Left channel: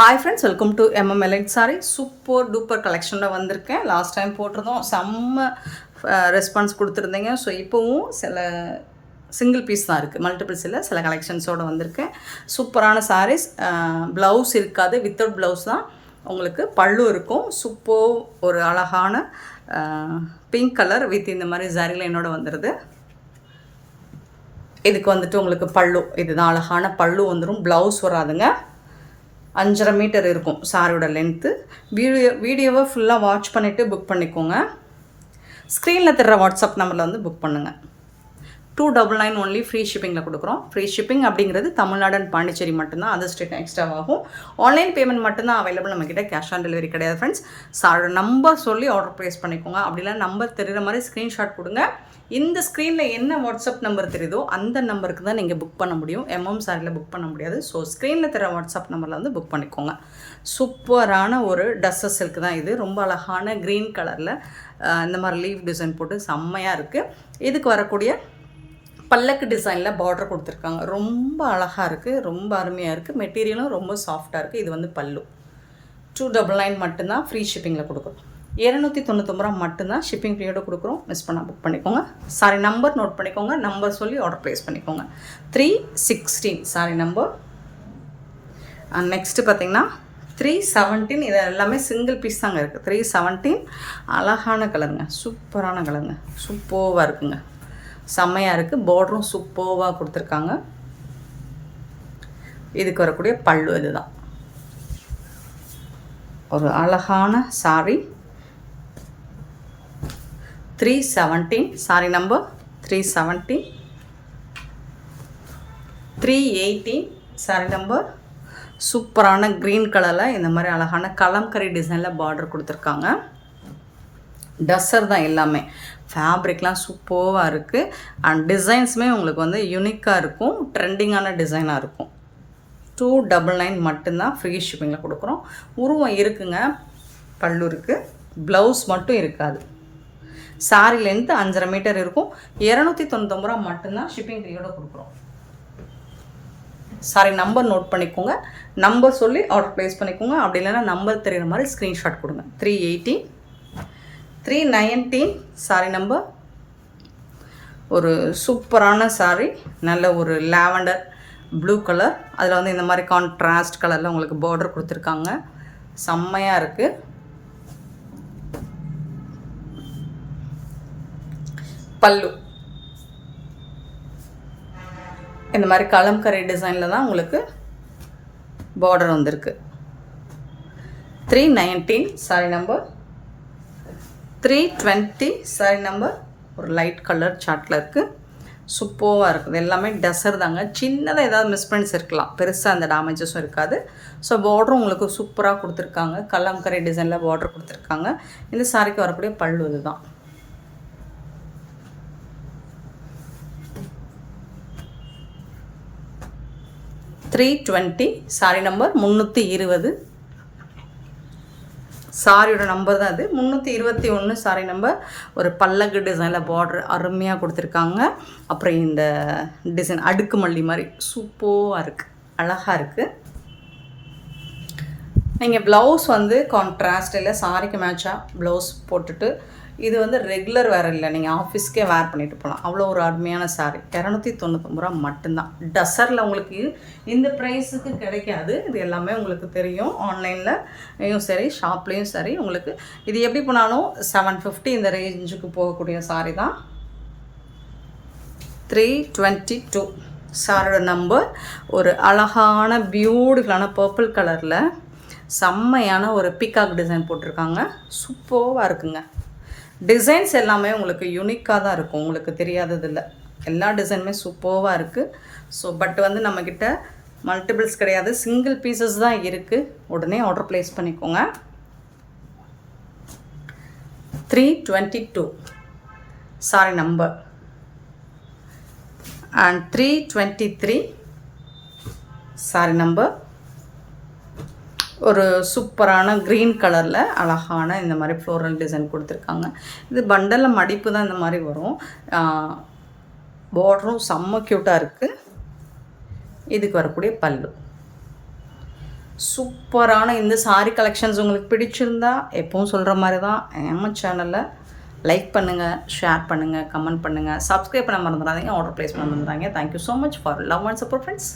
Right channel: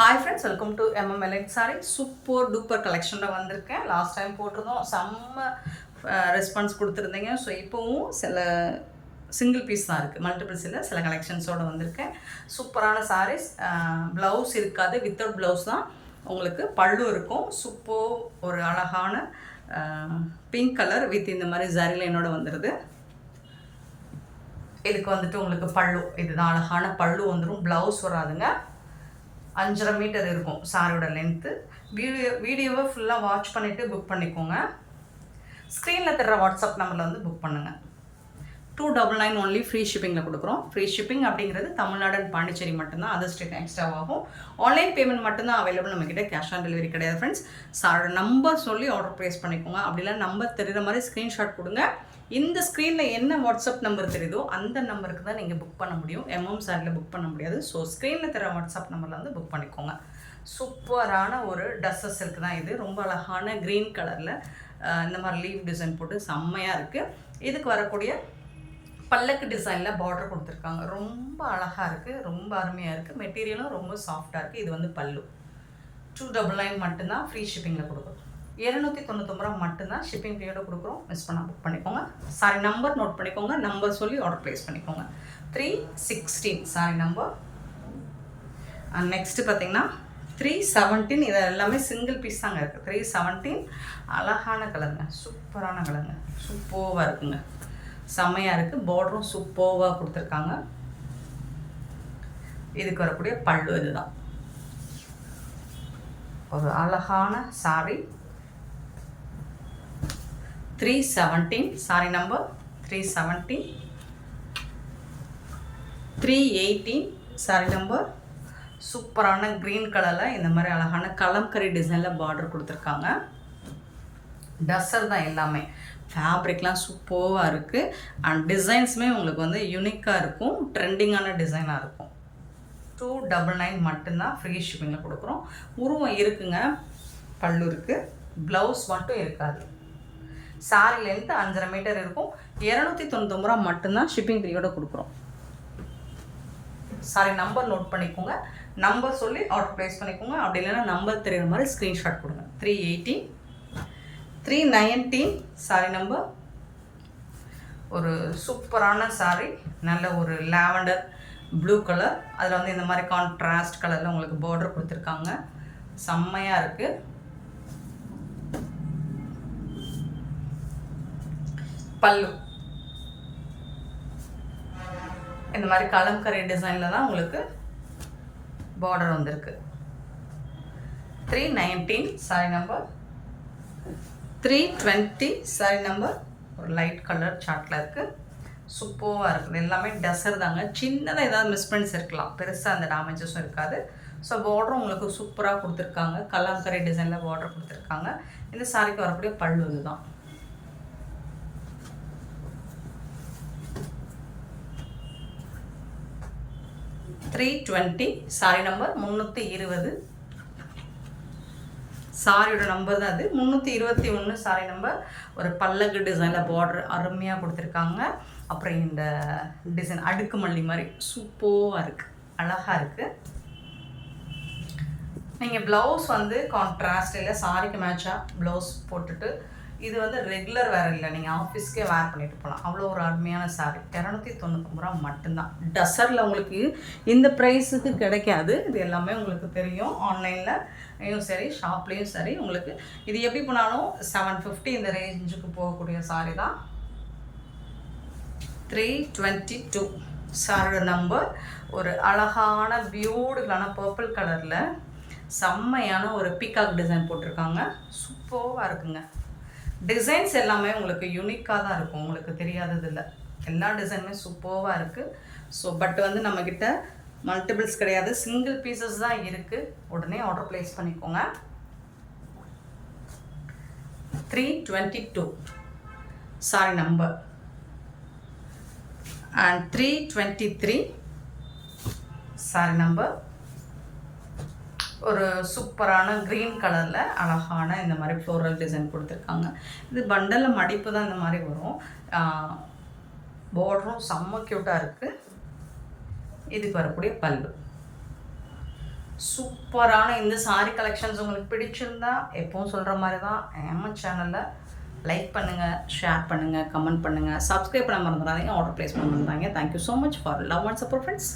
Hi friends, welcome to MMLN sari. Super duper கலெக்ஷனில் வந்திருக்கேன். Last time போட்டிருந்தோம், செம்ம ரெஸ்பான்ஸ் கொடுத்துருந்தீங்க. ஸோ இப்போவும் சில சிங்கிள் பீஸ் தான் இருக்குது, மல்டிபிள்ஸ் இல்லை, சில கலெக்ஷன்ஸோடு வந்திருக்கேன். சூப்பரான சாரீஸ். ப்ளவுஸ் இருக்காது, வித்தவுட் ப்ளவுஸ் தான். உங்களுக்கு பல்லு இருக்கும். சூப்பர் ஒரு அழகான பிங்க் கலர் வித் இந்த மாதிரி ஜரி லைனோட வந்துடுது. இதுக்கு வந்துட்டு உங்களுக்கு பல்லு, இதுதான் அழகான பல்லு வந்துடும். ப்ளவுஸ் வராதுங்க. 5.5 மீட்டர் இருக்கும் சாரியோட லென்த்து. வீடியோவை ஃபுல்லாக வாட்ச் பண்ணிவிட்டு புக் பண்ணிக்கோங்க. ஸ்க்ரீனில் தர்ற வாட்ஸ்அப் நம்பரில் வந்து புக் பண்ணுங்கள். 299 ஒன்லி ஃப்ரீ ஷிப்பிங்கில் கொடுக்குறோம். ஃப்ரீ ஷிப்பிங் அப்படிங்கிறது தமிழ்நாடு அண்ட் பாண்டிச்சேரி மட்டும்தான். அது ஸ்டேட் எக்ஸ்ட்ரா ஆகும். ஆன்லைன் பேமெண்ட் மட்டும்தான் அவைலபிள் நம்மக்கிட்ட. கேஷ் ஆன் டெலிவரி கிடையாது ஃப்ரெண்ட்ஸ். சாரோட நம்பர் சொல்லி ஆர்டர் ப்ளேஸ் பண்ணிக்கோங்க. அப்படிலாம் நம்பர் தெரிகிற மாதிரி ஸ்க்ரீன்ஷாட் கொடுங்க. இந்த ஸ்க்ரீனில் என்ன வாட்ஸ்அப் நம்பர் தெரியுதோ அந்த நம்பருக்கு தான் நீங்கள் புக் பண்ண முடியும். எம்எம் சாரியில் புக் பண்ண முடியாது. ஸோ ஸ்க்ரீனில் தர வாட்ஸ்அப் நம்பரில் வந்து புக் பண்ணிக்கோங்க. சூப்பரான ஒரு டஸ்ஸர் சில்க் தான் இது. ரொம்ப அழகான க்ரீன் கலரில் இந்த மாதிரி லீவ் டிசைன் போட்டு செம்மையாக இருக்குது. இதுக்கு வரக்கூடிய பல்லக்கு டிசைனில் பார்டர் கொடுத்துருக்காங்க. ரொம்ப அழகாக இருக்குது, ரொம்ப அருமையாக இருக்குது. மெட்டீரியலும் ரொம்ப சாஃப்டாக இருக்குது. இது வந்து பல்லு. 299 மட்டும்தான் ஃப்ரீ ஷிப்பிங்கில் கொடுக்குறோம். 299 ரூபா மட்டும்தான் ஷிப்பிங் பீரியடை கொடுக்குறோம். மிஸ் பண்ணால் புக் பண்ணிக்கோங்க. சாரி நம்பர் நோட் பண்ணிக்கோங்க. நம்பர் சொல்லி ஆர்டர் ப்ளேஸ் பண்ணிக்கோங்க. 316 சாரி நம்பர். நெக்ஸ்ட்டு பார்த்தீங்கன்னா 317. இது எல்லாமே சிங்கிள் பீஸ் தாங்க இருக்குது. 317 அழகான கலருங்க, சூப்பரான கலருங்க, சூப்பராக இருக்குங்க, செம்மையாக இருக்குது. பார்டரும் சூப்பராக கொடுத்துருக்காங்க. இதுக்கு வரக்கூடிய பல்லு இதுதான். ஒரு அழகான sorry. 317 sorry number. 317. 318 sorry number. சூப்பரான க்ரீன் கலரில் இந்த மாதிரி அழகான கலம்கரி டிசைனில் பார்டர் கொடுத்துருக்காங்க. டஸ்ஸர் தான் எல்லாமே. ஃபேப்ரிக்லாம் சூப்பராக இருக்குது. அண்ட் டிசைன்ஸுமே உங்களுக்கு வந்து யூனிக்காக இருக்கும், ட்ரெண்டிங்கான டிசைனாக இருக்கும். 299 மட்டும்தான் ஃப்ரீ ஷிப்பிங்கில் கொடுக்குறோம். உருவம் இருக்குங்க, பல்லு இருக்குது, ப்ளவுஸ் மட்டும் இருக்காது. சாரி லென்த்து 5.5 மீட்டர் இருக்கும். 299 ரூபா மட்டும்தான் ஷிப்பிங் பீரியடோட கொடுக்குறோம். சாரி நம்பர் நோட் பண்ணிக்கோங்க. நம்பர் சொல்லி ஆர்டர் ப்ளேஸ் பண்ணிக்கோங்க. அப்படி இல்லைன்னா நம்பர் தெரிகிற மாதிரி ஸ்க்ரீன்ஷாட் கொடுங்க. 318. 319 சாரி நம்பர். ஒரு சூப்பரான சாரி, நல்ல ஒரு லாவெண்டர் ப்ளூ கலர். அதில் வந்து இந்த மாதிரி கான்ட்ராஸ்ட் கலரில் உங்களுக்கு பார்டர் கொடுத்துருக்காங்க. செம்மையாக இருக்குது. பல்லு இந்த மாதிரி கலம்கரி டிசைனில் தான் உங்களுக்கு பார்டர் வந்திருக்கு. 319 சாரி நம்பர். 320 sorry number. ஒரு லைட் கலர் சார்ட்டில் இருக்குது. சூப்பராக இருக்குது. எல்லாமே டஸ்ஸர் தாங்க. சின்னதாக ஏதாவது மிஸ்பிரிண்ட்ஸ் இருக்கலாம், பெருசாக அந்த டேமேஜஸும் இருக்காது. ஸோ பார்டரும் உங்களுக்கு சூப்பராக கொடுத்துருக்காங்க. கலம்கரி டிசைனில் பார்டர் கொடுத்துருக்காங்க. இந்த சாரிக்கு வரக்கூடிய பல்லு இதுதான். $320 சாரி நம்பர். 320 சாரியோட நம்பர் தான் அது. 321 சாரி நம்பர். ஒரு பல்லக்கு டிசைனில் பார்டர் அருமையாக கொடுத்துருக்காங்க. அப்புறம் இந்த டிசைன் அடுக்கு மல்லி மாதிரி சூப்பராக இருக்குது, அழகாக இருக்குது. நீங்கள் ப்ளவுஸ் வந்து கான்ட்ராஸ்ட் இல்லை, சாரிக்கு மேட்சாக ப்ளவுஸ் போட்டுட்டு, இது வந்து ரெகுலர் வேர் இல்லை, நீங்கள் ஆஃபீஸ்க்கே வேர் பண்ணிட்டு போகலாம். அவ்வளோ ஒரு அருமையான சாரீ. 299 ரூபா மட்டும்தான். டஸ்ஸரில் உங்களுக்கு இந்த ப்ரைஸுக்கு கிடைக்காது. இது எல்லாமே உங்களுக்கு தெரியும். ஆன்லைன்லையும் சரி, ஷாப்லேயும் சரி. உங்களுக்கு இது எப்படி போனாலும் 750 இந்த ரேஞ்சுக்கு போகக்கூடிய சாரீ தான். 322 சாரியோட நம்பர். ஒரு அழகான பியூட்டிஃபுல்லான பர்பிள் கலரில் செம்மையான ஒரு பீகாக் டிசைன் போட்டிருக்காங்க. சூப்பராக இருக்குங்க. டிசைன்ஸ் எல்லாமே உங்களுக்கு யூனிக்காக தான் இருக்கும், உங்களுக்கு தெரியாதது இல்லை. எல்லா டிசைனுமே சூப்பராக இருக்குது. ஸோ பட் வந்து நம்மக்கிட்ட மல்டிபிள்ஸ் கிடையாது, சிங்கிள் பீசஸ் தான் இருக்குது. உடனே ஆர்டர் ப்ளேஸ் பண்ணிக்கோங்க. 322 sorry number. And 323 sorry number. ஒரு சூப்பரான க்ரீன் கலரில் அழகான இந்த மாதிரி ஃப்ளோரல் டிசைன் கொடுத்துருக்காங்க. இது பண்டலில் மடிப்பு தான் இந்த மாதிரி வரும். பார்டரும் செம்ம க்யூட்டாக இருக்குது. இதுக்கு வரக்கூடிய பல்லு சூப்பரான இந்த சாரீ கலெக்ஷன்ஸ் உங்களுக்கு பிடிச்சிருந்தா எப்பவும் சொல்கிற மாதிரி தான் நம்ம சேனலை லைக் பண்ணுங்கள், ஷேர் பண்ணுங்கள், கமெண்ட் பண்ணுங்கள், சப்ஸ்கிரைப் பண்ண மறந்துடாதீங்க, ஆர்டர் ப்ளேஸ் பண்ண மறந்துடாதீங்க. Thank you so much for love and support friends.